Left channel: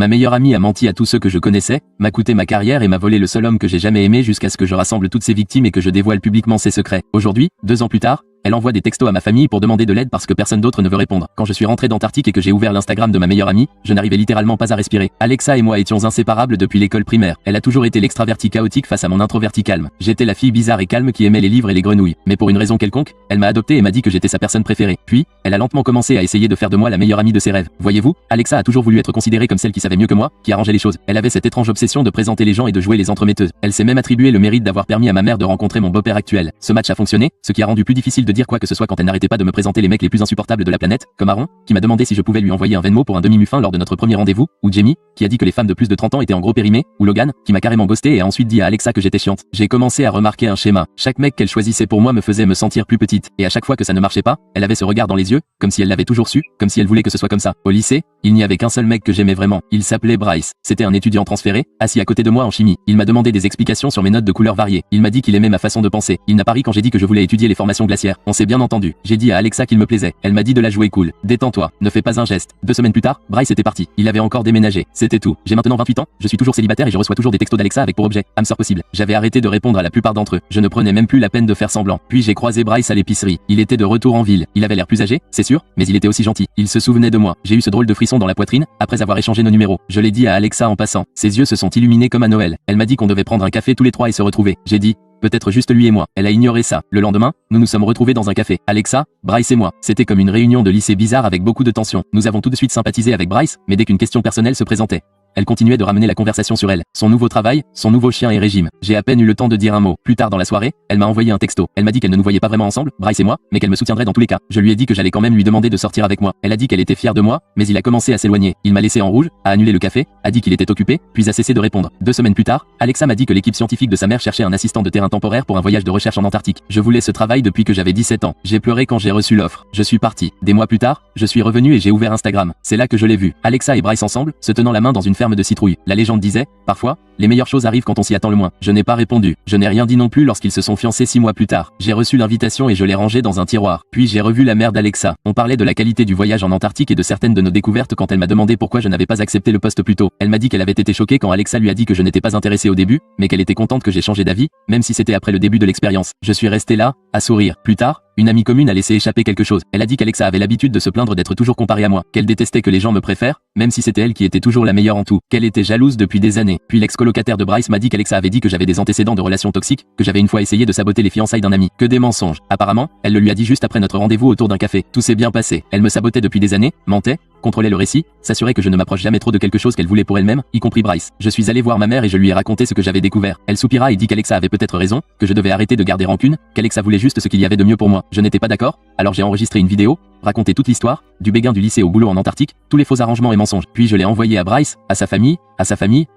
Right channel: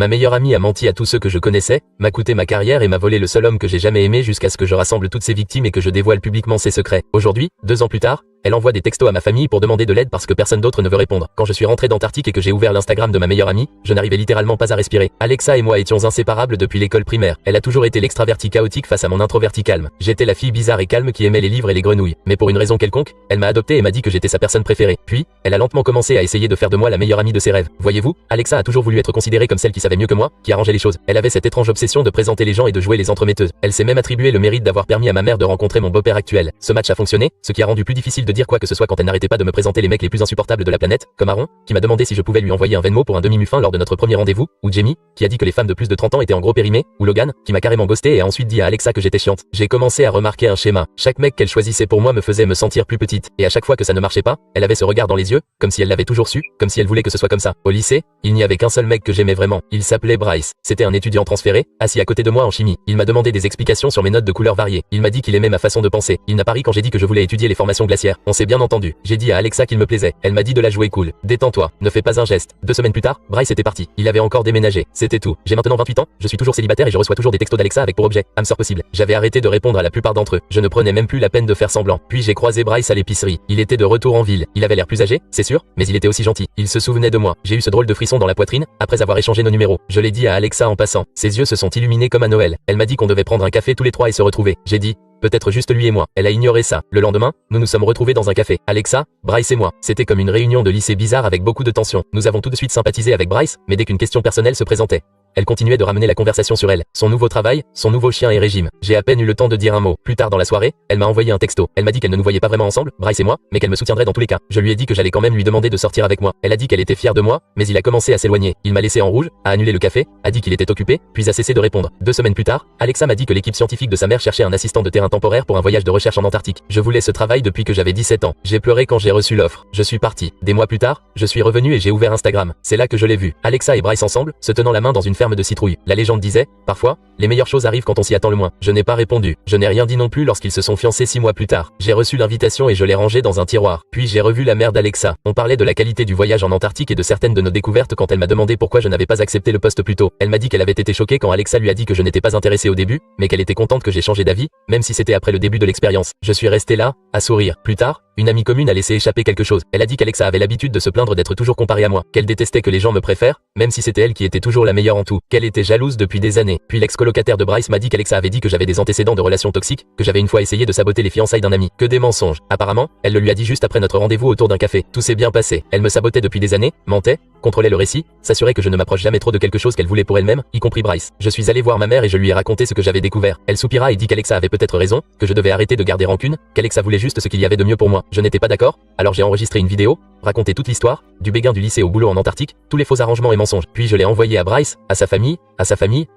Ma meilleure amie a menti à tous ceux que je connaissais, m'a coûté ma carrière et m'a volé le seul homme que j'ai jamais aimé jusqu'à ce que je rassemble toutes ses victimes et que je dévoile publiquement ses secrets. Aujourd'hui, 2 ans plus tard, elle envoie des textos à ma famille pour demander de l'aide parce que personne d'autre ne veut répondre. Quand je suis rentré d'Antarctique et que j'ai ouvert l'Instagram de ma meilleure amie, je n'arrivais littéralement pas à respirer. Alexa et moi étions inséparables depuis l'école primaire. Elle a toujours été l'extraverti chaotique face à mon introverti calme. J'étais la fille bizarre et calme qui aimait les livres et les grenouilles. Mais pour une raison quelconque, elle m'a adopté et m'a dit que j'étais sa personne préférée. Puis, elle a lentement commencé à essayer de faire de moi la meilleure amie de ses rêves. Voyez-vous, Alexa a toujours voulu être considérée comme celle qui savait mieux que moi, qui arrangeait les choses. Elle avait cette étrange obsession de présenter les gens et de jouer les entremetteuses. Elle s'est même attribué le mérite d'avoir permis à ma mère de rencontrer mon beau-père actuel. Ce match a fonctionné, ce qui a rendu plus difficile de dire quoi que ce soit quand elle n'arrêtait pas de me présenter les mecs les plus insupportables de la planète, comme Aaron, qui m'a demandé si je pouvais lui envoyer un Venmo pour un demi-muffin lors de notre premier rendez-vous, ou Jamie, qui a dit que les femmes de plus de 30 ans étaient en gros périmées, ou Logan, qui m'a carrément ghosté et a ensuite dit à Alexa que j'étais chiante. J'ai commencé à remarquer un schéma. Chaque mec qu'elle choisissait pour moi me faisait me sentir plus petite, et à chaque fois que ça ne marchait pas, elle avait ce regard dans les yeux, comme si elle l'avait toujours su, comme si elle voulait que ce soit comme ça. Au lycée, il n'y avait qu'un seul mec que j'aimais vraiment. Il s'appelait Bryce. C'était un étudiant transféré, assis à côté de moi en chimie. Il m'a demandé des explications sur mes notes de couleurs variées. Il m'a dit qu'il aimait ma façon de penser. Il n'a pas ri quand j'ai dit que je voulais étudier les formations glaciaires. On s'est bien entendu. J'ai dit à Alexa qu'il me plaisait. Elle m'a dit de la jouer cool. Détends-toi, ne fais pas un geste. 2 semaines plus tard, Bryce était parti. Il avait encore déménagé. C'était tout. J'ai maintenant 28 ans, je suis toujours célibataire et je reçois toujours des textos d'Alexa avec pour objet âme sœur possible. J'avais arrêté de répondre à la plupart d'entre eux. Je ne prenais même plus la peine de faire semblant. Puis j'ai croisé Bryce à l'épicerie. Il était de retour en ville. Il avait l'air plus âgé, c'est sûr, mais il était aussi gentil. Il se souvenait de moi. J'ai eu ce drôle de frisson dans la poitrine après avoir échangé nos numéros. Je l'ai dit à Alexa en passant. Ses yeux se sont illuminés comme à Noël. Elle m'a dit qu'on devait prendre un café tous les 3 et se retrouver. J'ai dit peut-être juste lui et moi. Elle a ignoré ça. Le lendemain, nous nous sommes retrouvés dans un café. Alexa, Bryce et moi. C'était comme une réunion de lycée bizarre avec beaucoup de tension. Nous avons tout de suite sympathisé avec Bryce, mais dès qu'une question personnelle se présentait, elle continuait de ramener la conversation sur elle, son nouveau travail, son nouveau chien et régime. J'ai à peine eu le temps de dire un mot. Plus tard dans la soirée, elle m'a envoyé un texto. Elle m'a dit qu'elle ne nous voyait pas vraiment ensemble, Bryce et moi, mais qu'elle me soutiendrait dans tous les cas. Je lui ai dit que j'allais quand même lui demander de sortir avec moi. Elle a dit qu'elle était fière de moi, mais il a commencé à s'éloigner. Il m'a laissé en rouge, a annulé le café, a dit qu'il était occupé, puis a cessé de répondre. 2 semaines plus tard, Alexa m'a dit que l'équipe scientifique de sa mère cherchait un assistant de terrain temporaire pour un voyage de recherche en Antarctique. Je voulais ce travail depuis que j'avais 17 ans. J'ai pleuré quand j'ai reçu l'offre. Je suis parti. Des mois plus tard, je suis revenu et j'ai ouvert Instagram. C'est là que je l'ai vu. Alexa et Bryce ensemble, se tenant la main dans une ferme de citrouilles. La légende disait, parfois, les meilleures choses arrivent quand on s'y attend le moins. Je n'ai pas répondu. Je n'ai rien dit non plus lorsqu'ils se sont fiancés 6 mois plus tard. J'ai reçu l'invitation et je l'ai rangée dans un tiroir. Puis j'ai revu la mère d'Alexa. On parlait de la qualité du voyage en Antarctique et de certaines de nos découvertes quand elle m'a demandé pourquoi je n'avais pas accepté le poste plus tôt. Elle m'a dit qu'elle avait été choquée quand Alexa lui a dit que je n'étais pas intéressé au début, mais qu'elle était contente que j'ai changé d'avis, même si c'était après le début de l'expérience. Je suis resté là, à sourire. Plus tard, une amie commune a laissé échapper quelque chose. Elle a dit qu'Alexa avait l'habitude de se plaindre d'être toujours comparée à moi, qu'elle détestait que les gens me préfèrent, même si c'était elle qui était toujours la meilleure en tout, qu'elle était jalouse depuis des années. Puis l'ex-colocataire de Bryce m'a dit qu'Alexa avait dit que j'avais des antécédents de relations toxiques, que j'avais une fois essayé de saboter les fiançailles d'un ami. Que des mensonges. Apparemment, elle le lui a dit juste après notre rendez-vous autour d'un café. Tout s'est bien passé. Elle me sabotait depuis des années, mentait, contrôlait le récit, s'assurait que je ne m'approche jamais trop de quelque chose qu'elle voulait pour elle-même, y compris Bryce. Je suis allé voir ma mère et je lui ai raconté ce que j'avais découvert. Elle soupira et dit qu'Alexa avait peut-être raison, que je devais arrêter de garder rancune, qu'Alexa voulait juste ce qu'il y avait de mieux pour moi. Je n'étais pas d'accord, alors j'ai enregistré une vidéo, raconté toute l'histoire, du béguin du lycée au boulot en Antarctique, tous les faux arrangements et mensonges. Puis je l'ai envoyé à Bryce, à sa famille,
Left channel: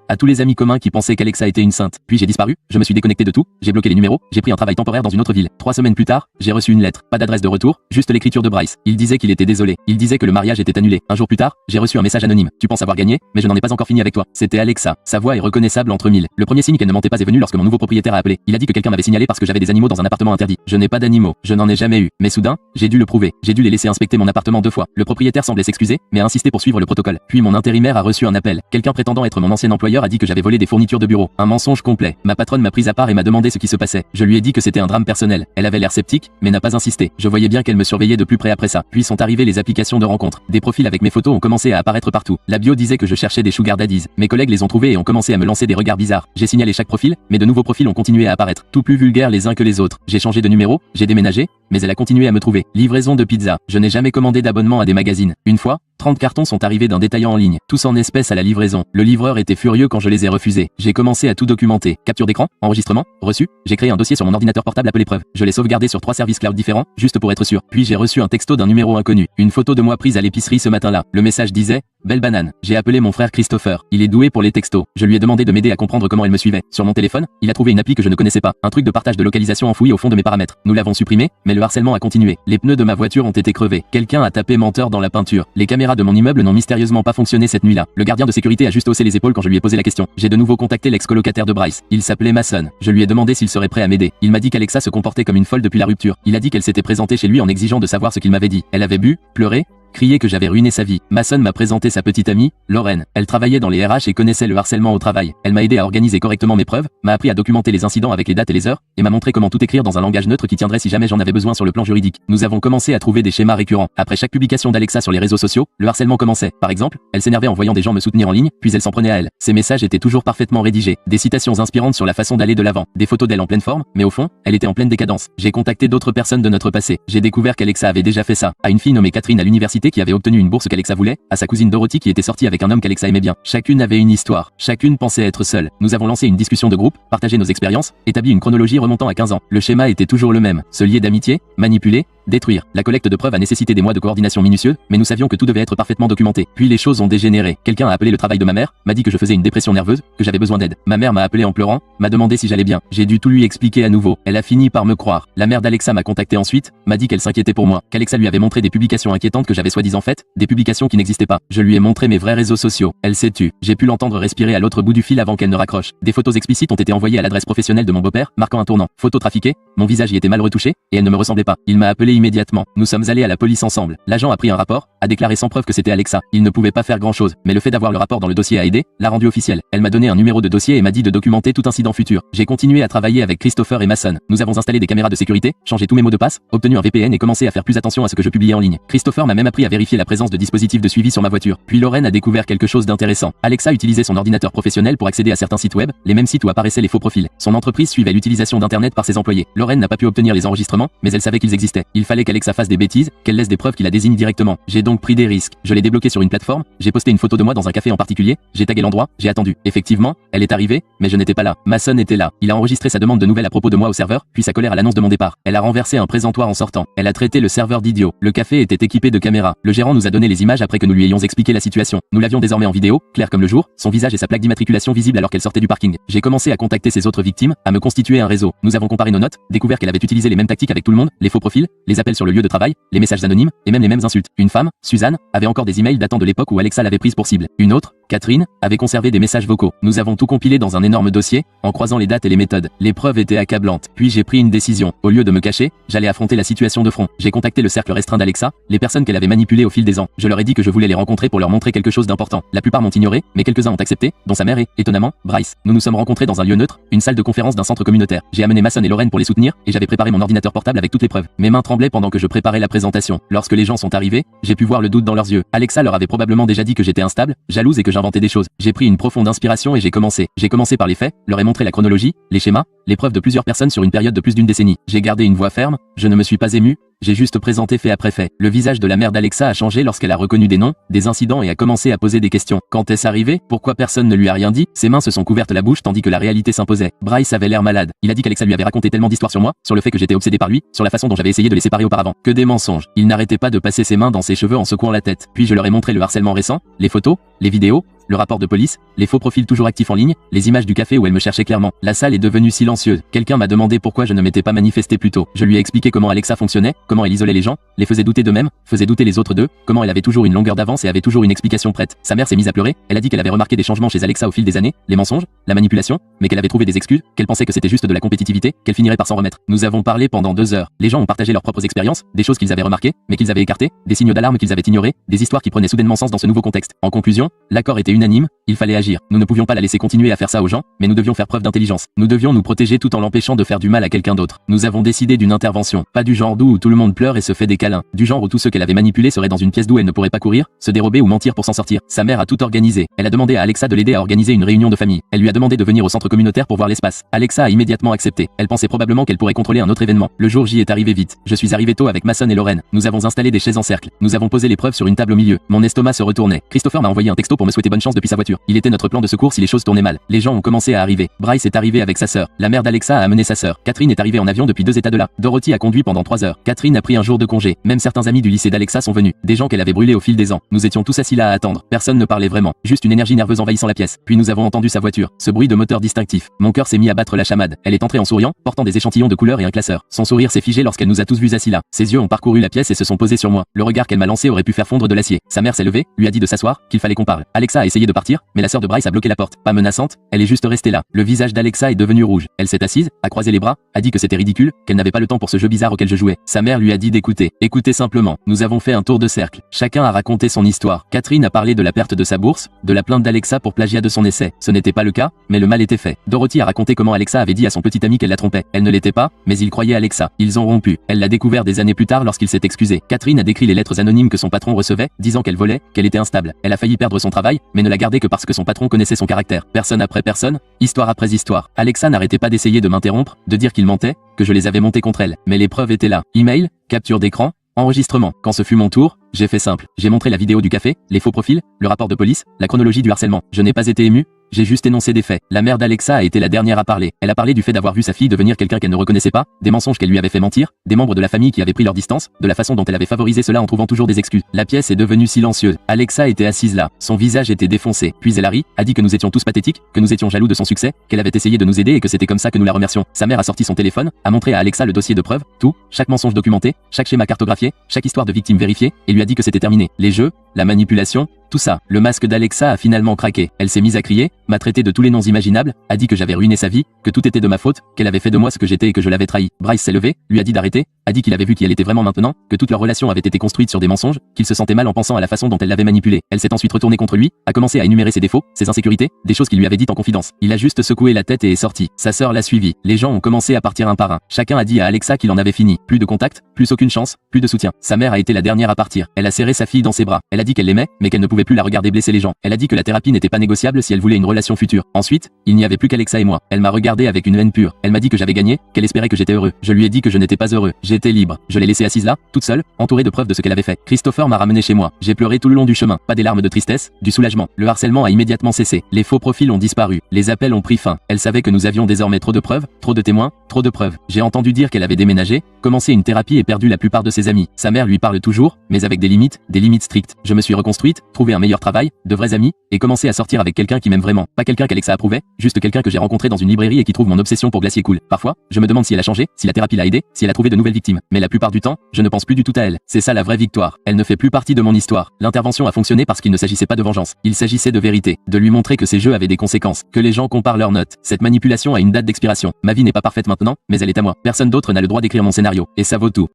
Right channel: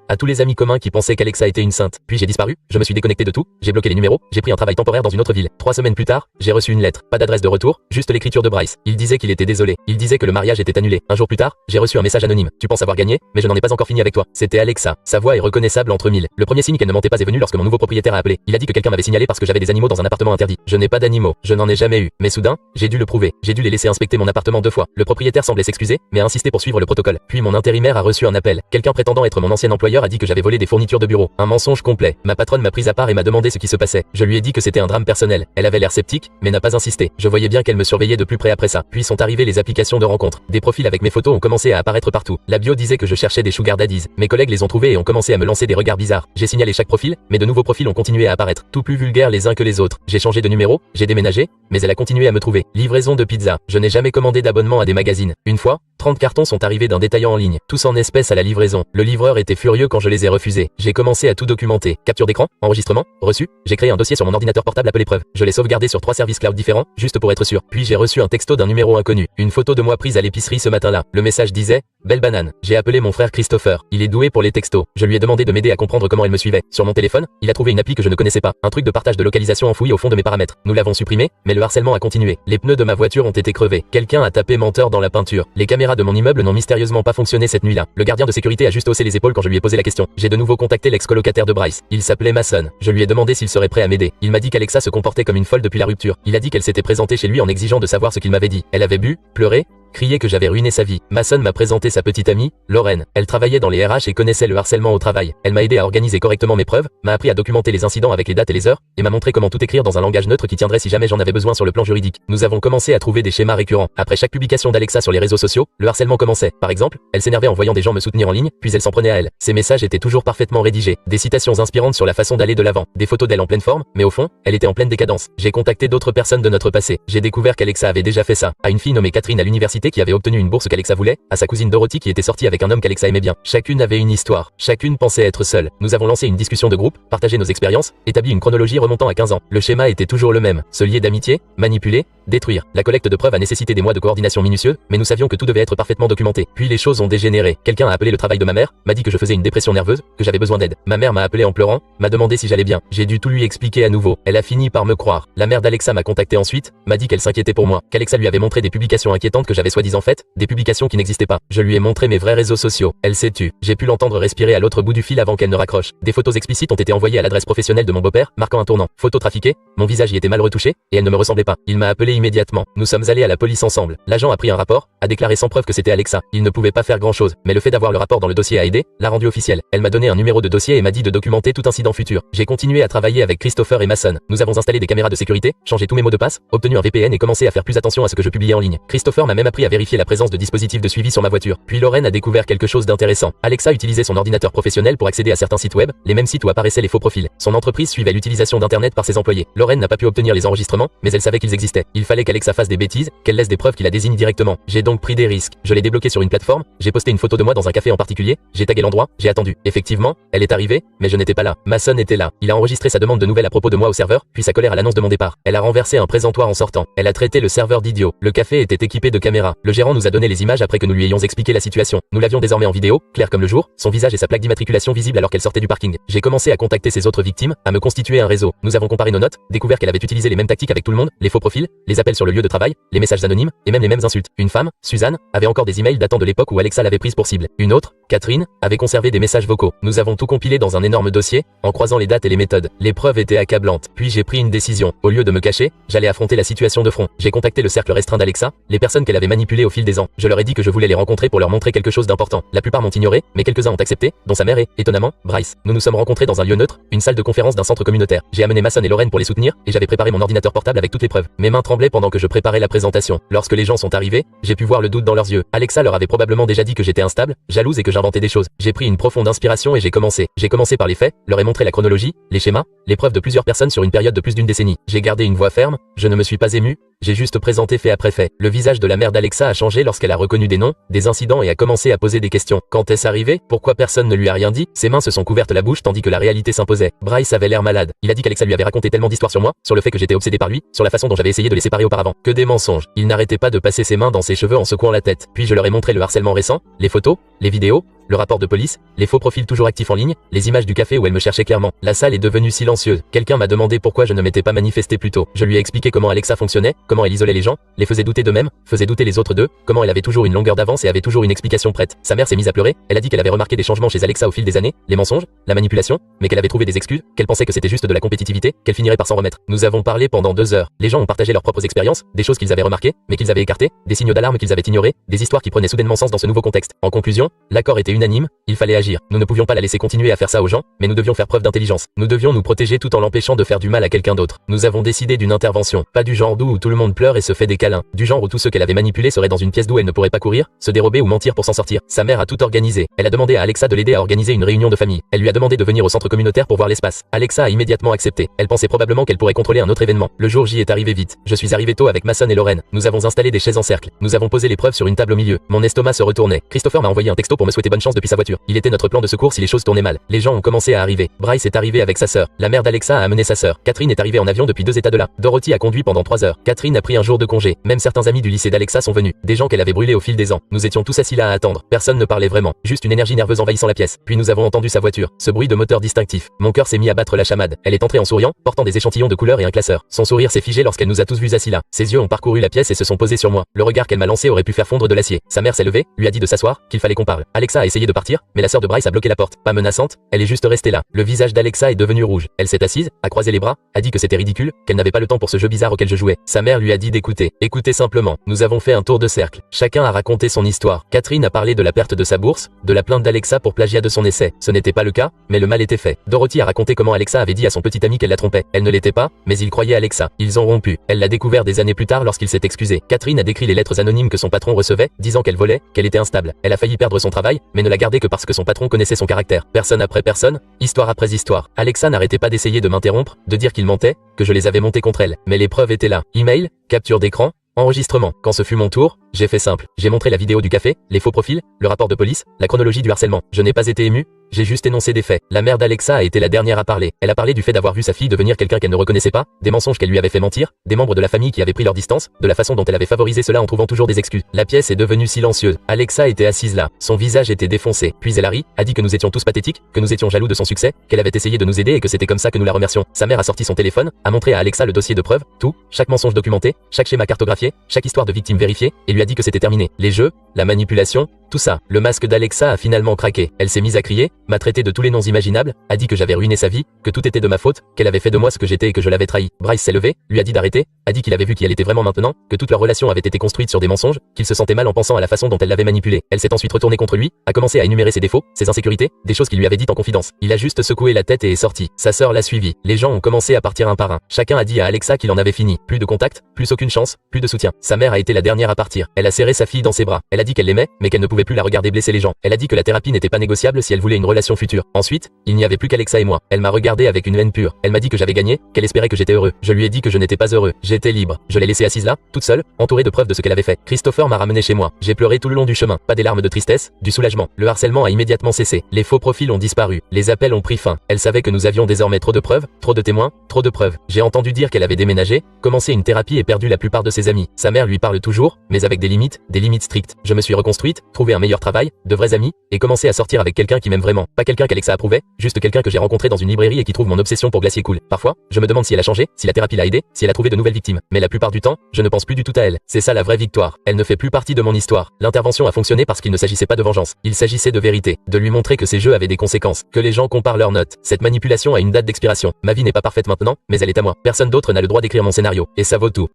à tous les amis communs qui pensaient qu'Alexa était une sainte. Puis j'ai disparu, je me suis déconnecté de tout, j'ai bloqué les numéros, j'ai pris un travail temporaire dans une autre ville. 3 semaines plus tard, j'ai reçu une lettre, pas d'adresse de retour, juste l'écriture de Bryce. Il disait qu'il était désolé, il disait que le mariage était annulé. Un jour plus tard, j'ai reçu un message anonyme. Tu penses avoir gagné, mais je n'en ai pas encore fini avec toi. C'était Alexa. Sa voix est reconnaissable entre mille. Le premier signe qu'elle ne mentait pas est venu lorsque mon nouveau propriétaire a appelé. Il a dit que quelqu'un m'avait signalé parce que j'avais des animaux dans un appartement interdit. Je n'ai pas d'animaux, je n'en ai jamais eu. Mais soudain, j'ai dû le prouver. J'ai dû les laisser inspecter mon appartement 2 fois. Le propriétaire semblait s'excuser, mais a insisté pour suivre le protocole. Puis mon intérimaire a reçu un appel. Quelqu'un prétendant être mon ancien employeur a dit que j'avais volé des fournitures de bureau. Un mensonge complet. Ma patronne m'a pris à part et m'a demandé ce qui se passait. Je lui ai dit que c'était un drame personnel. Elle avait l'air sceptique, mais n'a pas insisté. Je voyais bien qu'elle me surveillait de plus près après ça. Puis sont arrivées les applications de rencontres. Des profils avec mes photos ont commencé à apparaître partout. La bio disait que je cherchais des sugar daddies. Mes collègues les ont trouvés et ont commencé à me lancer des regards bizarres. J'ai signalé chaque profil, mais de nouveaux profils ont continué à apparaître, tout plus vulgaires les uns que les autres. J'ai changé de numéro, j'ai déménagé, mais elle a continué à me trouver. Livraison de pizza. Je n'ai jamais commandé d'abonnement à des magazines. Une fois, 30 cartons sont arrivés d'un détaillant en ligne, tous en espèces à la livraison. Le livreur était furieux quand je les ai refusés. J'ai commencé à tout documenter. Capture d'écran, enregistrement, reçu. J'ai créé un dossier sur mon ordinateur portable appelé preuve. Je l'ai sauvegardé sur 3 services cloud différents, juste pour être sûr. Puis j'ai reçu un texto d'un numéro inconnu. Une photo de moi prise à l'épicerie ce matin-là. Le message disait « Belle banane ». J'ai appelé mon frère Christopher. Il est doué pour les textos. Je lui ai demandé de m'aider à comprendre comment elle me suivait. Sur mon téléphone, il a trouvé une appli que je ne connaissais pas. Un truc de partage de localisation enfoui au fond de mes paramètres. Nous l'avons supprimé, mais le harcèlement a continué. Les pneus de ma voiture ont été crevés. Quelqu'un a tapé menteur dans la peinture. Les caméras de mon immeuble n'ont mystérieusement pas fonctionné cette nuit-là. Le gardien de sécurité a juste haussé les épaules quand je lui ai posé la question. J'ai de nouveau contacté l'ex-colocataire de Bryce. Il s'appelait Mason. Je lui ai demandé s'il serait prêt à m'aider. Il m'a dit qu'Alexa se comportait comme une folle depuis la rupture. Il a dit qu'elle s'était présentée chez lui en exigeant de savoir ce qu'il m'avait dit. Elle avait bu, pleuré, criait que j'avais ruiné sa vie. Mason m'a présenté sa petite amie, Lorraine. Elle travaillait dans les RH et connaissait le harcèlement au travail. Elle m'a aidé à organiser correctement mes preuves, m'a appris à documenter les incidents avec les dates et les heures, et m'a montré comment tout écrire dans un langage neutre qui tiendrait si jamais j'en avais besoin sur le plan juridique. Nous avons commencé à trouver des schémas récurrents. Après chaque publication d'Alexa sur les réseaux sociaux, le harcèlement commençait. Par exemple, elle s'énervait en voyant des gens me soutenir en ligne, puis elle s'en prenait à elle. Ses messages étaient toujours parfaitement rédigés, des citations inspirantes sur la façon d'aller de l'avant, des photos d'elle en pleine forme, mais au fond, elle était en pleine décadence. J'ai contacté d'autres personnes de notre passé. J'ai découvert qu'Alexa avait déjà fait ça. À une fille nommée Catherine à l'université qui avait obtenu une bourse qu'Alexa voulait, à sa cousine Dorothy qui était sortie avec un homme qu'Alexa aimait bien. Chacune avait une histoire. Chacune pensait être seule. Nous avons lancé une discussion de groupe, partagé nos expériences, établi une chronologie remontant à 15 ans. Le schéma était toujours le même. Se lier d'amitié, manipuler, détruire. La collecte de preuves a nécessité des mois de coordination minutieuse, mais nous savions que tout devait être parfaitement documenté. Puis les choses ont dégénéré. Quelqu'un a appelé le travail de ma mère, m'a dit que je faisais une dépression nerveuse, que j'avais besoin d'aide. Ma mère m'a appelé en pleurant, m'a demandé si j'allais bien. J'ai dû tout lui expliquer à nouveau. Elle a fini par me croire. La mère d'Alexa m'a contacté ensuite, m'a dit qu'elle s'inquiétait pour moi, qu'Alexa lui avait montré des publications inquiétantes que j'avais soi-disant faites, des publications qui n'existaient pas. Je lui ai montré mes vrais réseaux sociaux. Elle s'est tue. J'ai pu l'entendre respirer à l'autre bout du fil avant qu'elle ne raccroche. Des photos explicites ont été envoyées à l'adresse professionnelle de mon beau-père, marquant un tournant. Photos trafiquées, mon visage y était mal retouché, et elle ne me ressemblait pas. Il m'a appelé immédiatement. Nous sommes allés à la police ensemble. L'agent a pris un rapport, a déclaré sans preuve que c'était Alexa. Il ne pouvait pas faire grand-chose, mais le fait d'avoir le rapport dans le dossier a aidé, l'a rendu officiel. Elle m'a donné un numéro de dossier et m'a dit de documenter tout incident futur. J'ai continué à travailler avec Christopher et Mason. Nous avons installé des caméras de sécurité, changé tous mes mots de passe, obtenu un VPN et commencé à faire plus attention à ce que je publiais en ligne. Christopher m'a même appris à vérifier la présence de dispositifs de suivi sur ma voiture. Puis Lorraine a découvert quelque chose d'intéressant. Alexa utilisait son ordinateur professionnel pour accéder à certains sites web, les mêmes sites où apparaissaient les faux profils. Son entreprise suivait l'utilisation d'internet par ses employés. Lorraine n'a pas pu obtenir les enregistrements, mais elle savait qu'ils existaient. Il fallait qu'Alexa fasse des bêtises, qu'elle laisse des preuves qui la désignent directement. J'ai donc pris des risques. Je l'ai débloqué sur une plateforme, j'ai posté une photo de moi dans un café en particulier, j'ai tagué l'endroit, j'ai attendu. Effectivement, elle est arrivée, mais je n'étais pas là. Mason était là. Il a enregistré sa demande de nouvelles à propos de moi au serveur, puis sa colère à l'annonce de mon départ. Elle a renversé un présentoir en sortant. Elle a traité le serveur d'idiot. Le café était équipé de caméras. Le gérant nous a donné les images après que nous lui ayons expliqué la situation. Nous l'avions désormais en vidéo, clair comme le jour, son visage et sa plaque d'immatriculation visible alors qu'elle sortait du parking. J'ai commencé à contacter ses autres victimes, à me constituer un réseau. Nous avons comparé nos notes, découvert qu'elle avait utilisé les mêmes tactiques avec tout le monde, les faux profils, les appels sur le lieu de travail, les messages anonymes, et même les mêmes insultes. Une femme, Suzanne, avait encore des emails datant de l'époque où Alexa l'avait prise pour cible. Une autre, Catherine, avait conservé des messages vocaux. Nous avons tout compilé dans un énorme dossier, en croisant les dates et les méthodes. Les preuves étaient accablantes. Puis j'ai pris une décision. Au lieu de me cacher, j'allais affronter la situation de front. J'ai contacté le cercle restreint d'Alexa, les personnes qu'elle avait manipulées au fil des ans. Je leur ai dit que je voulais les rencontrer pour leur montrer quelque chose d'important. La plupart m'ont ignoré, mais quelques-uns ont accepté, dont sa mère et, étonnamment, Bryce. Nous nous sommes rencontrés dans un lieu neutre, une salle de conférence d'un centre communautaire. J'ai amené Mason et Lorraine pour les soutenir, et j'avais préparé mon ordinateur portable avec toutes les preuves. Mes mains tremblaient pendant que je préparais la présentation. Lorsque les gens sont arrivés, j'ai pu voir le doute dans leurs yeux. Alexa leur avait probablement déjà dit que j'étais instable, jalouse et que j'inventais des choses. J'ai pris une profonde inspiration et j'ai commencé. J'ai commencé par les faits, leur ai montré la chronologie, les schémas, les preuves de plusieurs personnes sur une période de plus d'une décennie. J'ai gardé une voix ferme, je ne me suis pas ému, j'ai juste présenté fait après fait. Le visage de la mère d'Alexa a changé lorsqu'elle a reconnu des noms, des incidents et a commencé à poser des questions. Quand est-ce arrivé? Pourquoi personne ne lui a rien dit? Ses mains se sont couvertes la bouche tandis que la réalité s'imposait. Bryce avait l'air malade. Il a dit qu'Alexa lui avait raconté tellement d'histoires sur moi, sur le fait que j'étais obsédé par lui, sur la façon dont j'avais essayé de les séparer auparavant. Que des mensonges. Il n'arrêtait pas de passer ses mains dans ses cheveux en secouant la tête. Puis je leur ai montré le harcèlement récent, les photos, les vidéos, le rapport de police, les faux profils toujours actifs en ligne, les images du café où elle me cherchait clairement. La salle est devenue silencieuse. Quelqu'un m'a demandé pourquoi je ne m'étais pas manifesté plus tôt. Je lui ai expliqué comment Alexa fonctionnait, comment elle isolait les gens, les faisait douter d'eux-mêmes, faisait douter les autres d'eux, comment elle avait toujours une longueur d'avance et avait toujours une explication prête. Sa mère s'est mise à pleurer, elle a dit qu'elle avait remarqué des changements chez Alexa au fil des années, les mensonges, la manipulation, mais qu'elle avait trouvé des excuses, qu'elle pensait que c'était juste de la compétitivité, qu'elle finirait par s'en remettre. Nous avons parlé pendant 2 heures. Les gens ont partagé leurs propres expériences, des choses qu'ils avaient remarquées, mais qu'ils avaient écartées, des signaux d'alarme qu'ils avaient ignorés, des histoires qui prenaient soudainement sens dans ce nouveau contexte. En conclusion, l'accord était unanime, il fallait agir. Nous ne pouvions pas la laisser continuer à faire ça aux gens, mais nous devions faire preuve d'intelligence. Nous devions nous protéger tout en l'empêchant de faire du mal à quelqu'un d'autre. Nous avons décidé d'une intervention, pas du genre d'où tout le monde pleure et se fait des câlins, du genre où tous ceux qu'elle avait manipulés seraient dans une pièce d'où elle ne pourrait pas courir, se dérober ou mentir pour s'en sortir. Sa mère a tout organisé. Elle a demandé à Alexa de l'aider à organiser une réunion de famille. Elle lui a demandé de venir au centre communautaire pour voir l'espace. Alexa a immédiatement accepté. Elle pensait probablement qu'elle pourrait contrôler un autre événement. Le jour J est arrivé vite. Je suis arrivé tôt avec Mason et Lorraine. Nous avons installé des chaises en cercle. Nous avons posé les preuves sur une table au milieu. Mon estomac se retournait. Christopher m'a envoyé un texto pour me souhaiter bonne chance depuis sa voiture. Il était notre plan de secours si les choses tournaient mal. Les gens ont commencé à arriver. Bryce est arrivé avec sa sœur. La mère d'Alexa a amené sa sœur. Catherine est arrivée en avion depuis 2 États de là. Dorothy a conduit pendant 3 heures. Catherine a pris un jour de congé. Même certains amis du lycée d'Alexa sont venus. Des gens qu'elle avait brûlés au fil des ans. Nous étions tous assis là à attendre. Personne ne parlait vraiment. Juste une énergie nerveuse envahissant la pièce. Puis nous avons entendu sa voiture. Ce bruit de moteur distinctif. Mon cœur s'est mis à battre la chamade. Elle est entrée en souriant, portant des échantillons de couleurs et un classeur. Son sourire s'est figé lorsqu'elle nous a tous vus assis là. Ses yeux ont parcouru la pièce et se sont posés sur moi. Le regard qu'elle m'a lancé aurait pu faire fondre de l'acier. Sa mère s'est levée, lui a dit de s'asseoir, qu'il fallait qu'on parle. Alexa a essayé de partir, mais la sœur de Bryce a bloqué la porte. Pas menaçante, elle est juste restée là. Le visage d'Alexa est devenu rouge. Elle s'est assise, a croisé les bras, a dit que c'était ridicule, qu'elle n'avait pas le temps pour ce jeu bizarre auquel je jouais. Sa mère lui a dit d'écouter. Écoutez simplement. Nous avons fait un tour de cercle. Chacun a raconté son histoire. Catherine a parlé de la perte de sa bourse, de la plainte d'Alexa pour plagiat de son essai. Ce n'était pas le cas, mais le mal était fait. Dorothy a raconté comment Alexa avait dit à son petit ami qu'elle la trompait. Elle ne l'était pas, mais il croyait Alexa. Ils ont rompu. Elle l'a découvert des années plus tard lorsqu'il s'est excusé. Catherine a décrit les lettres anonymes que son patron recevait, disant qu'elle volait, qu'elle était instable. Elle a failli perdre son travail, mais ne l'a gardé que parce que son patron connaissait son caractère. Personne après personne, histoire après histoire. Alexa n'arrêtait pas d'essayer de m'interrompre, de dire qu'il mentait, que je les avais montés contre elle. Mais les preuves étaient là. Email, capture d'écran, enregistrement. Quand ce fut mon tour, j'ai fait simple. J'ai montré la vidéo du café, les faux profils, le rapport de police, la chronologie du harcèlement. Je n'ai pas été ému, j'ai juste énoncé des faits. La mère d'Alexa a été la dernière à parler. Elle a parlé du fait d'avoir vu sa fille devenir quelqu'un qu'elle ne reconnaissait pas, des mensonges qu'elle lui avait fait mentir, des membres de la famille qui avaient pris leur distance, de la façon dont elle avait favorisé cela en trouvant toujours des excuses. La pièce est devenue silencieuse. Alexa était assise là. Son visage était défoncé. Puis elle a ri, a dit que nous étions tous pathétiques, que nous étions jaloux de son succès, qu'elle avait essayé de nous aider et que c'était comme ça que nous la remercions. Sa mère a sorti son téléphone, a montré à Alexa le dossier de preuves, tout, chaque mensonge documenté, chaque schéma cartographié, chaque histoire de victime vérifiée, et lui a dit que c'était terminé. Les jeux, la manipulation, tout ça. Le masque d'Alexa a finalement craqué. Elle s'est mise à crier, m'a traité de tous les noms imaginables, a dit que j'avais ruiné sa vie, que tout était de ma faute, qu'elle avait fait de moi ce que j'étais et que je l'avais trahi. Bryce s'est levé, lui a dit d'arrêter, a dit qu'il avait vu qui elle était vraiment maintenant, que toute leur relation avait été construite sur des mensonges, qu'il se sentait mal en pensant à la façon dont elle l'avait manipulé. Elle s'est ensuite retournée contre lui, a commencé à énumérer ses défauts, ses insécurités, des choses qu'il lui avait dites en confidence. Il a juste secoué la tête et est sorti. Sa sœur l'a suivi. Les gens ont commencé à partir un par un. Chacun a dit à Alexa qu'il en avait fini. Plus de contact, plus aucune chance, plus de soutien. Sa mère a été la dernière à partir. Elle a serré sa fille dans ses bras. Elle a dit qu'elle l'aimait, mais qu'elle ne pouvait plus la regarder blesser les gens. Elle a dit que la thérapie n'était pas négociable si elle voulait une relation future. Ensuite, il n'y avait plus qu'Alexa et moi. Elle m'a regardé avec une haine pure. Elle m'a dit que j'avais gagné, qu'elle espérait que j'étais heureux. Je lui ai dit que je n'étais pas heureux. J'étais libre. Je l'ai laissée assise là, toute seule, entourée de preuves de ce qu'elle avait fait. Christopher m'a ramené chez moi. J'ai pleuré tout le long du chemin. Pas des larmes de tristesse, du soulagement. Le harcèlement a immédiatement cessé. Les faux profils ont disparu. Les appels ont pris fin. Elle savait que nous avions désormais trop de preuves, trop de témoins, trop de preuves. J'ai entendu dire qu'elle avait déménagé, commencé une thérapie et perdu la plupart de ses amis. Sa mère lui parle toujours, mais avec des limites strictes. Je me suis reconstruite, trouvé un meilleur travail, de vrais amis, et commencé à sortir avec quelqu'un qui m'aime vraiment. Pas quelqu'un qu'Alexa approuvait, juste quelqu'un que j'ai rencontré dans une librairie et qui trouve mon obsession pour Glacier cool. Parfois, je me demande si elle a changé, si la thérapie l'a aidé, si elle a trouvé de nouvelles victimes. Mais la plupart du temps, je ne pense plus du tout à elle. C'est ça la vraie victoire. Elle ne fait plus partie de mon histoire. L'intervention a fonctionné parce qu'il ne s'agissait pas de vengeance. Il s'agissait de vérité. De lui montrer que ces jeux avaient des conséquences. Que les gens comparent leurs notes. Cette manipulation a une date d'expiration. Ma vie n'est pas parfaite maintenant, mais elle est à moi. Personne d'autre n'a le droit d'écrire mon scénario. Et ça vaut tout.